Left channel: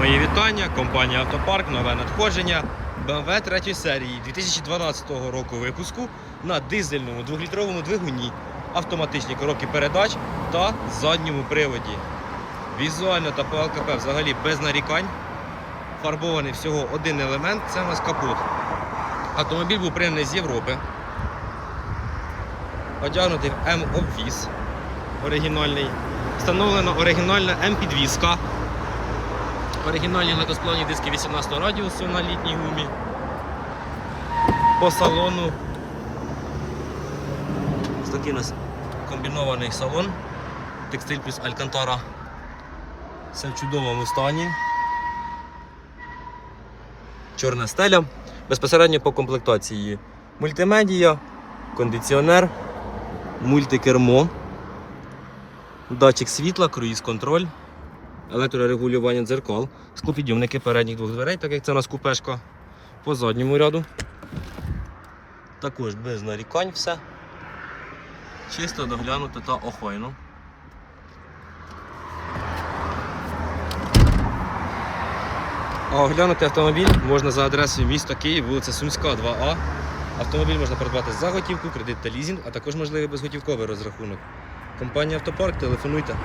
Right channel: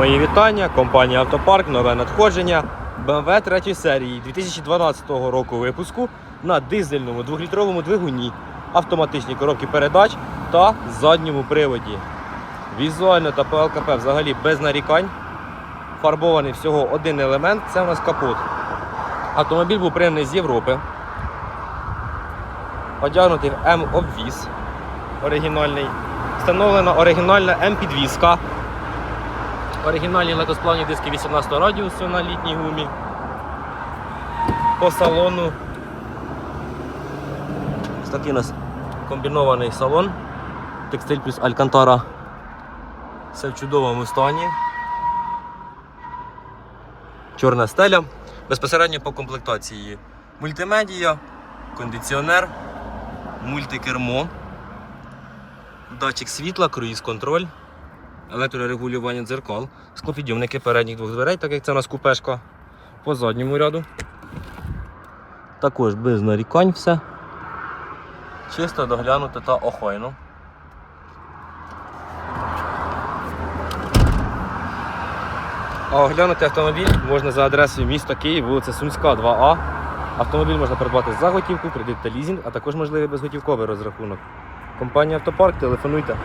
Мої вітання, компанія Автопарк, нове надходження BMW 3 серії 2012 року випуску на дизельному 2-літровому двигуні, автоматичні коробки передач та задньому приводі. Візуально та по ЛКП взагалі без нарікань. Фарбований всього один елемент це у нас капот. Автомобіль був пригнаний з Європи. Одягнутий в М-обвіз оригінальний. Встановлена оригінальна М-підвізка. Оригінальні легкосплавні диски 18 радіусу на літній гумі. По салону. Ось такий у нас комбінований салон. Текстиль плюс Алькантара. Все в чудовому стані. Чорна стеля. Безпосередньо по комплектації мультимедія, кондиціонер, мультикермо, датчик світла, круїз-контроль електрорегулювання дзеркал, склопідйомники передніх двох дверей, так як це у нас купешка по задньому ряду. Також без нарікань все. Чисто доглянуто та охайно. А оглянути автомобіль можна за адресою міста Київ, вулиця Сумська, 2А. Автомобіль можна придбати за готівку, кредит та лізинг, а також можливий безготівковий розрахунок. Компанія Автопарк, телефонуйте.